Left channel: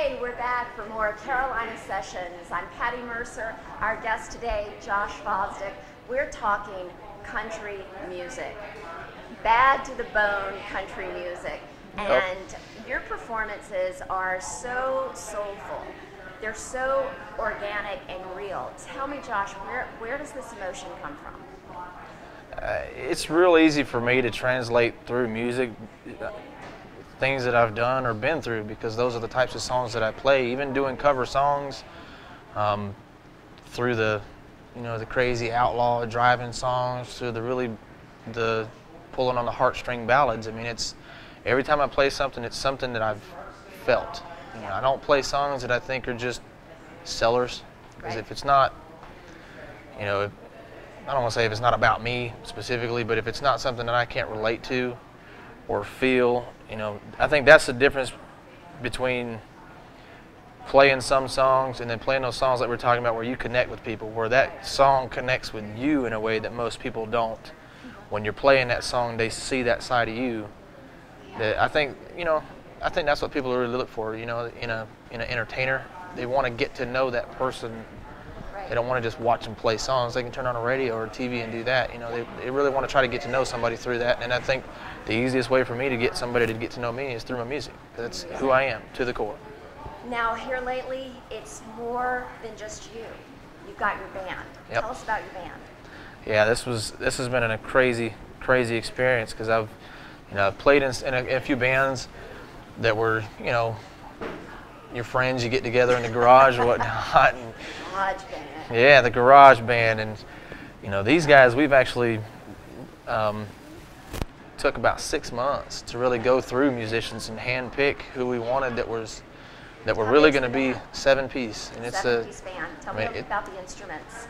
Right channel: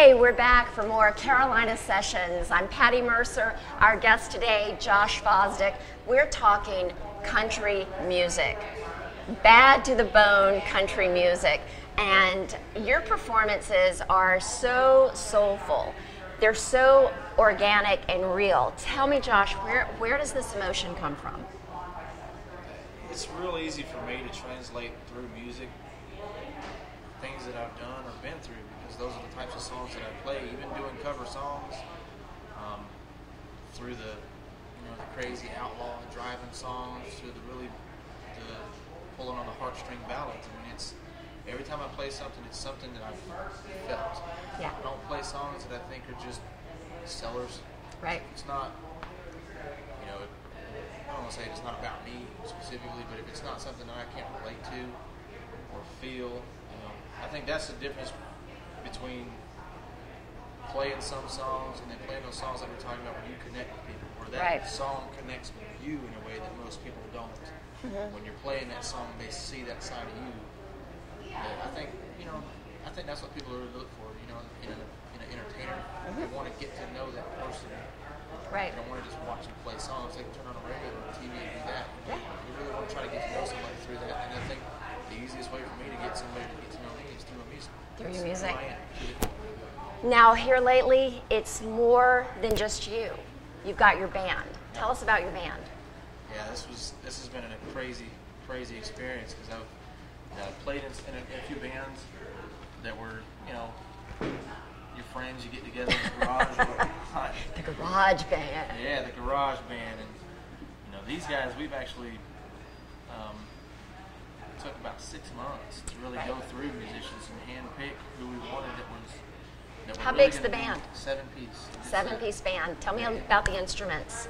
Hey, we're back for more Carolina Sessions. I'm Patti Mercer. Our guest today, Josh Fosdick. We're talking country music, bad to the bone country music. And your performances are so soulful. They're so organic and real. Tell me, Josh, where does this emotion come from? It's real easy for me to translate through music things that I've done or been through, because those are the types of songs that I play. Even doing cover songs, through the crazy outlaw driving songs, to the pulling on the heartstring ballads. I mean, it's every time I play something, it's something that I've felt. Yeah. I don't play songs that I think are just sellers, because Right. if it's not, I don't want to say if it's not about me specifically, but if it's not something that I can't relate to or feel, I think that's the difference between playing some songs and then playing those songs that we're talking about where you connect with people, where that Right. song connects with you in a way that most people don't. When you're playing that song, they see that side of you. That I think that's what people really look for, in an entertainer. They want to get to know that person. Right. They don't want to just watch them play songs. They can turn on a radio or TV and do that. They really want to try to get to know somebody through that. And I think the easiest way for me to get somebody to get to know me is through my music. That's who I am to the core. Now, here lately, it's more than just you. You've got your band. Yep. Tell us about your band. Yeah, this has been a crazy experience, because I've played in a few bands that were your friends, you get together in the garage or whatnot. And, The Garage Band. yeah, the garage band, and these guys, we've actually took about 6 months to really go through musicians and hand pick who we wanted that were How really big's going to the be band? 7-piece. And it's Seven-piece band. Tell me about the instruments.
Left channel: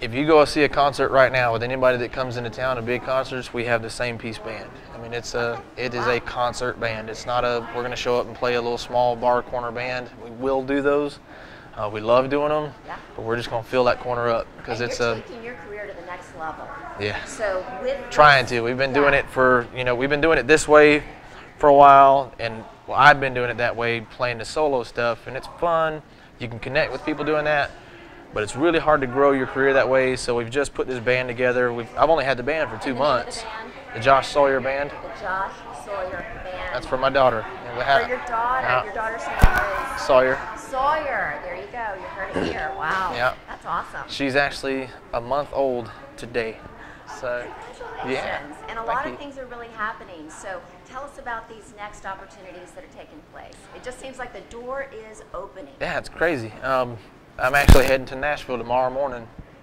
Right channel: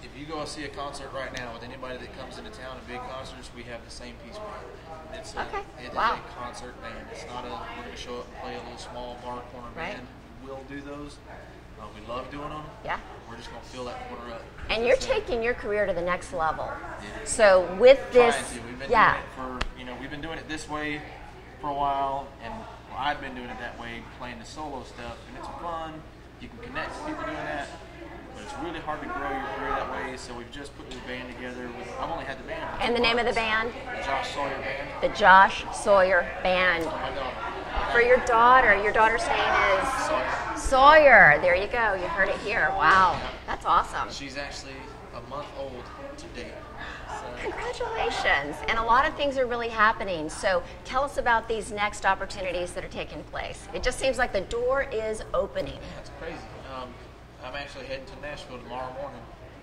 if you go see a concert right now with anybody that comes into town to big concerts, we have the same piece band. I mean, it is a concert band. It's not we're going to show up and play a little small bar corner band. We will do those. We love doing them. Yeah. But we're just going to fill that corner up, And you're taking your career to the next level. Yeah. So with this, Trying to. We've been doing it for, we've been doing it this way for a while, and I've been doing it that way, playing the solo stuff, and it's fun. You can connect with people doing that, but it's really hard to grow your career that way. So we've just put this band together. I've only had the band for 2 And the months. name of the band? The Josh Sawyer Band. The Josh Sawyer Band. That's for my daughter. For your daughter. Your daughter's name is? Sawyer. Sawyer. There you go. You heard it here. Wow. Yeah. That's awesome. She's actually a month old today. So, Congratulations. yeah. And a lot of things are really happening. So tell us about these next opportunities that are taking place. It just seems like the door is opening. Yeah, it's crazy. I'm actually heading to Nashville tomorrow morning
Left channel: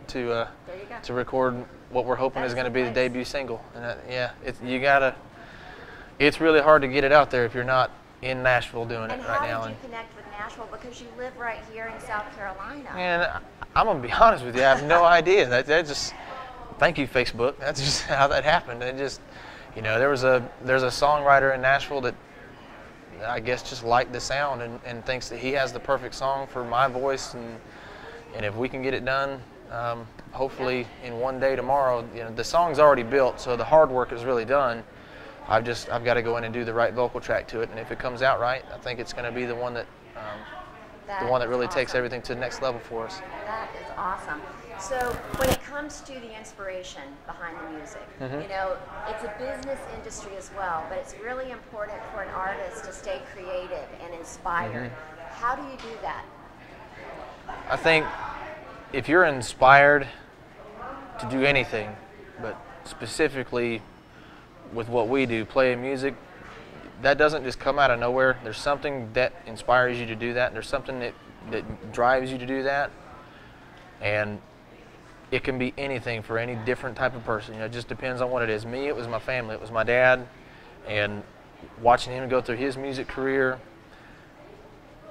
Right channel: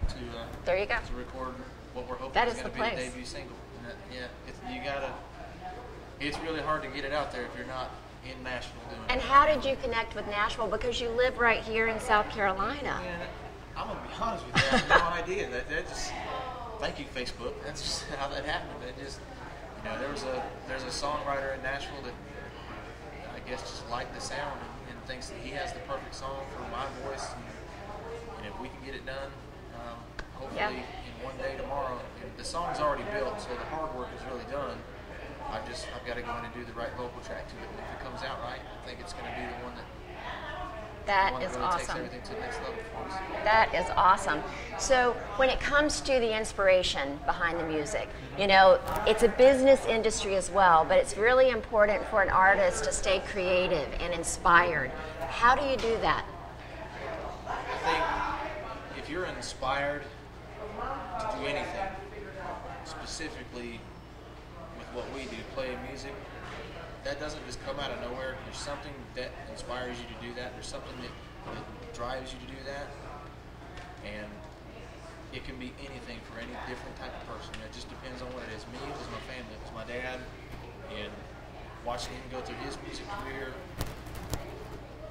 to There you go. to record what we're hoping That is is going to the be the place. debut single. And it's really hard to get it out there if you're not in Nashville doing And it how right now. did you connect with Nashville? Because you live right here in South Carolina. And I'm gonna be honest with you, I have no idea. That just, thank you, Facebook. That's just how that happened. It just, there's a songwriter in Nashville that I guess just liked the sound and thinks that he has the perfect song for my voice, and if we can get it done, hopefully in one day tomorrow. The song's already built, so the hard work is really done. I've got to go in and do the right vocal track to it, and if it comes out right, I think it's going to be the one that Is really takes awesome. everything to the next level for us. That is awesome. So when it comes to the inspiration behind the music, it's a business industry as well, but it's really important for an artist to stay creative and inspired. How do you do that? I think if you're inspired to do anything, but specifically with what we do, playing music, that doesn't just come out of nowhere. There's something that inspires you to do that. There's something that drives you to do that. And it can be anything for any different type of person. It just depends on what it is. Me, it was my family. It was my dad. And watching him go through his music career,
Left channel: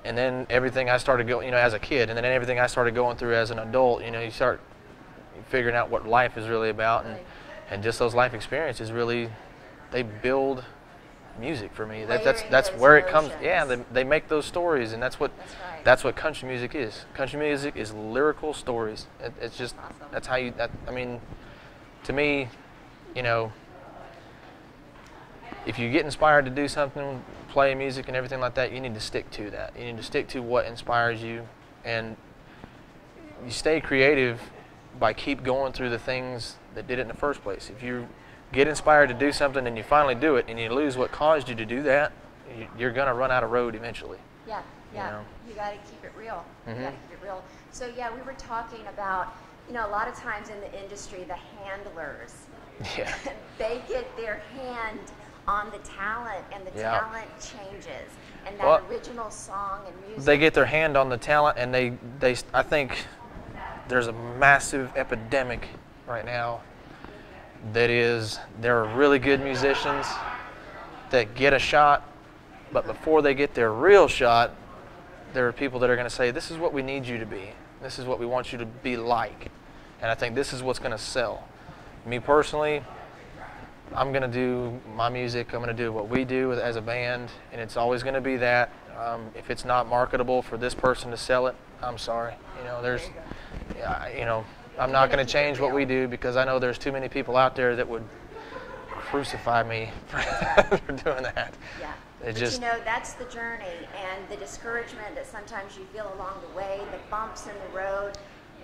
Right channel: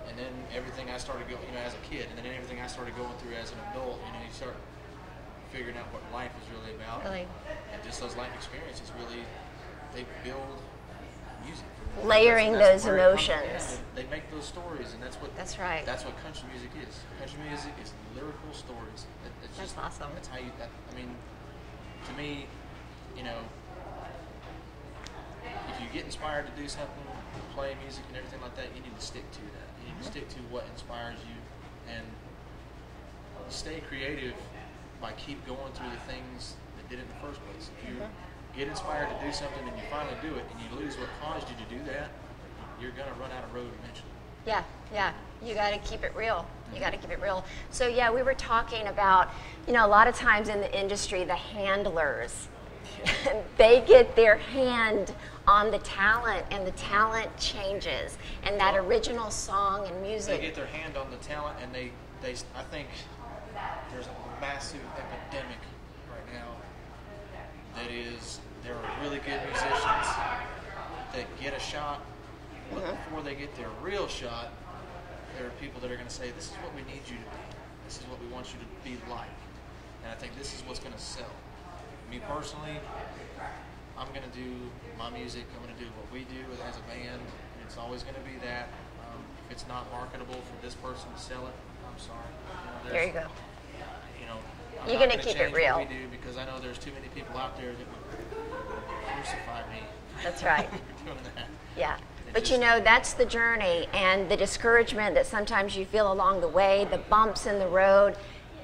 and then everything I started going, as a kid, and then everything I started going through as an adult, you start figuring out what life is really about. Really. And just those life experiences really, they build music for me. Layering that's those where emotions. it comes. Yeah, they make those stories, and that's what. That's right. That's what country music is. Country music is lyrical stories. It's just Awesome. that's how you. I mean, to me, if you get inspired to do something, play music and everything like that, you need to stick to that. You need to stick to what inspires you, and you stay creative by keep going through the things that did it in the first place. If you get inspired to do something and you finally do it and you lose what caused you to do that, you're going to run out of road eventually. Yeah, yeah. You know? You got to keep it real. Mm-hmm. You got to keep it real. So yeah, we were talking about, you know, a lot of times in the industry, the handlers, Yeah. they get their hand on the talent, and the Yeah. talent changes, and that Well, original song and music. They get their hand on the talent, and I think there's a massive epidemic right now that is, there are really good musicians that get a shot, but before they get their real shot, there are people that are going to say, this is what we need you to be. This is what we want you to be like. And I think this is what's going to sell. Me personally, I'm going to do my music. I'm going to do what we do as a band, and it's always going to be that. If it's not marketable for this person to sell it, I'm sorry. You know, There you go. Yeah, you know, I'm You're not gonna going to keep it change what real. we do, because I know there's too many people out there that would crucify me That's right. for doing that. Yeah. It But just- you know, that's the journey, and the discouragement that sometimes you feel along the way, the bumps in the road.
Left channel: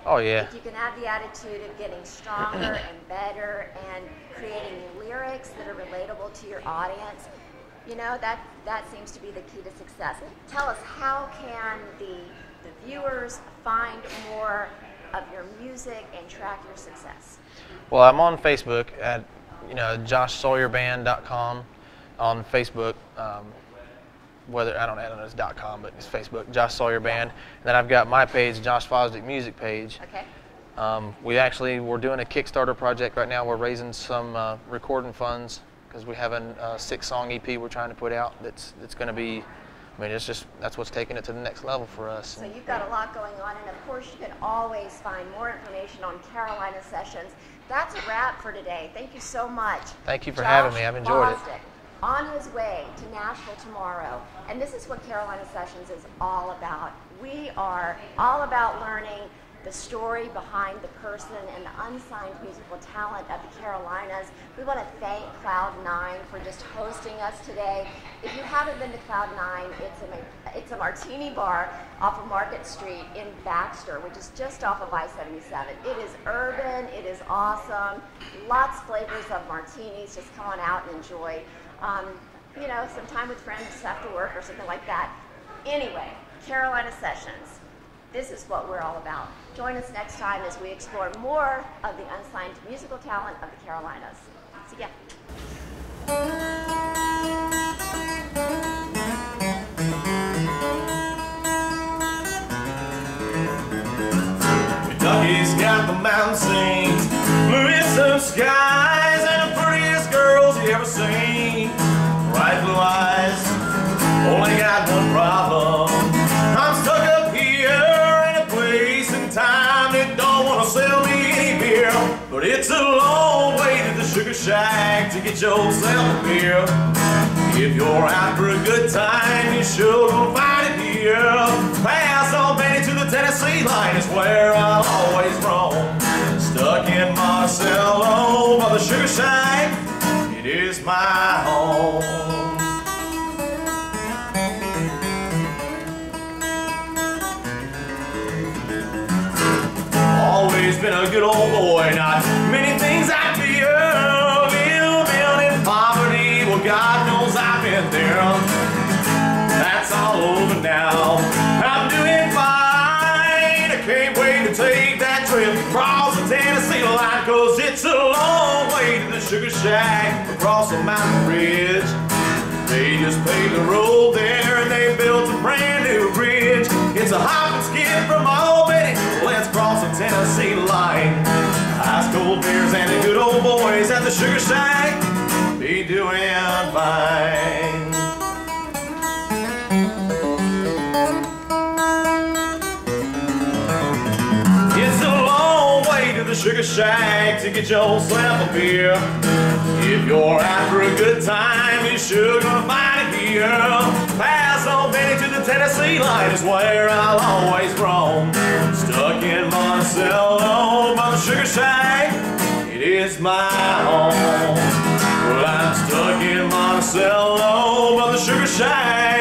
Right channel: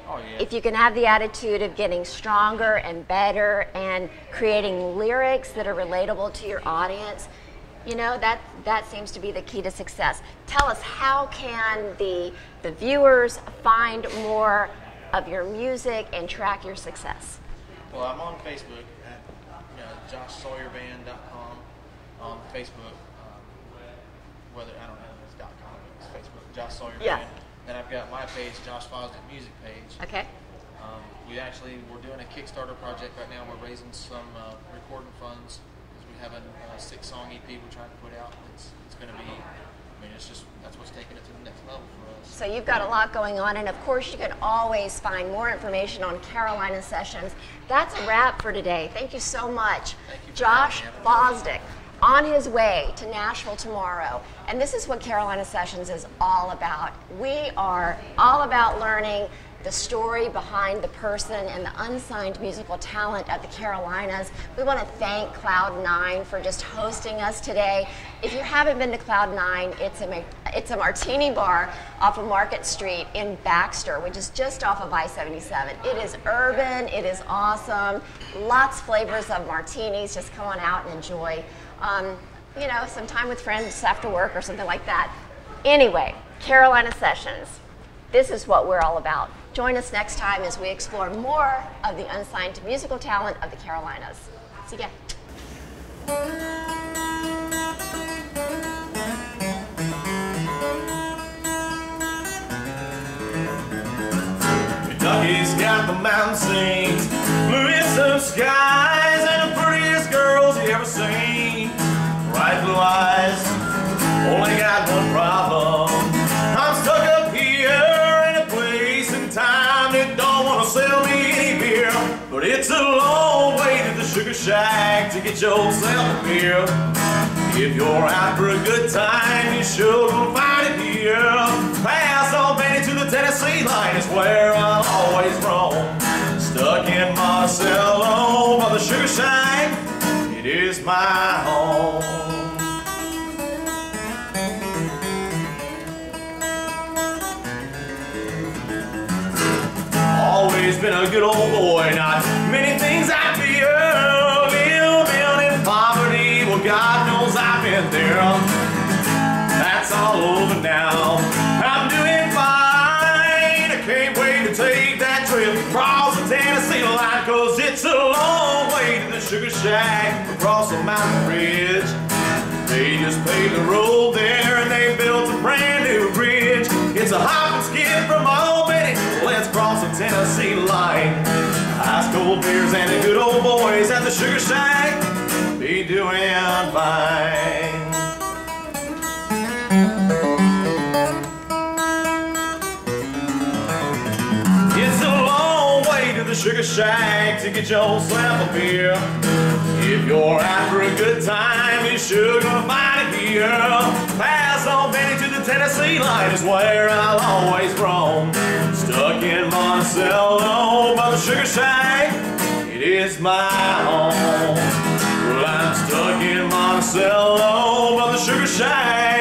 Oh yeah. If you can have the attitude of getting stronger and better and creating lyrics that are relatable to your audience, you know, that seems to be the key to success. Tell us, how can the viewers find more of your music and track your success? Well, I'm on Facebook at, you know, joshsawyerband.com on Facebook. Whether I don't know if it's .com, but it's Facebook, Josh Sawyer Yeah. Band. And then I've got my page, Josh Fosdick Music page. Okay. We're doing a Kickstarter project right now. We're raising some recording funds because we have a 6-song EP we're trying to put out. That's going to be, I mean, it's just, that's what's taking it to the next level for us. So you've got a lot going on, and of course you can always find more information on Carolina Sessions. That's a wrap for today. Thank you so much. Thank you for having me. I've enjoyed it. Fosdick, on his way to Nashville tomorrow. And this is what Carolina Sessions is all about. We are all about learning the story behind the person and the unsigned musical talent of the Carolinas. We want to thank Cloud9 for just hosting us today. If you haven't been to Cloud9, it's a martini bar off of Market Street in Baxter, which is just off of I-77. It is urban, it is awesome, lots of flavors of martinis. Just come on out and enjoy, you know, some time with friends after work or something like that. Anyway, Carolina Sessions. This is what we're all about. Join us next time as we explore more of the unsigned musical talent of the Carolinas. See ya. Kentucky's got the mountain scenes, bluest of skies, and the prettiest girls you ever seen. Bright blue eyes, only got one problem. I'm stuck up here in a place and time that don't want to sell me any beer. But it's a long way to the sugar shack to get yourself a beer. If you're out for a good time, you sure gonna find it here. Pass on Benny to the Tennessee line is where I'll always roam. Stuck in Monticello by the sugar shack, it is my home. Always been a good old boy, not many things I fear. Living in poverty, well God knows I've been there. That's all over now, I'm doing fine. I can't wait to take that trip across the Tennessee line, 'cause it's a long way to the sugar shack across the mountain ridge. They just paved the road there and they built a brand new bridge. It's a hop and skid from Albany, let's cross the Tennessee line. Ice cold beers and the good old boys at the sugar shack be doing fine. It's a long way to the sugar shack to get yourself a beer. If you're out for a good time, you sure gonna find it here. Pass on Benny to the Tennessee line is where I'll always roam. Stuck in Monticello by the sugar shack, it is my home. Well, I'm stuck in Monticello by the sugar shack. shine.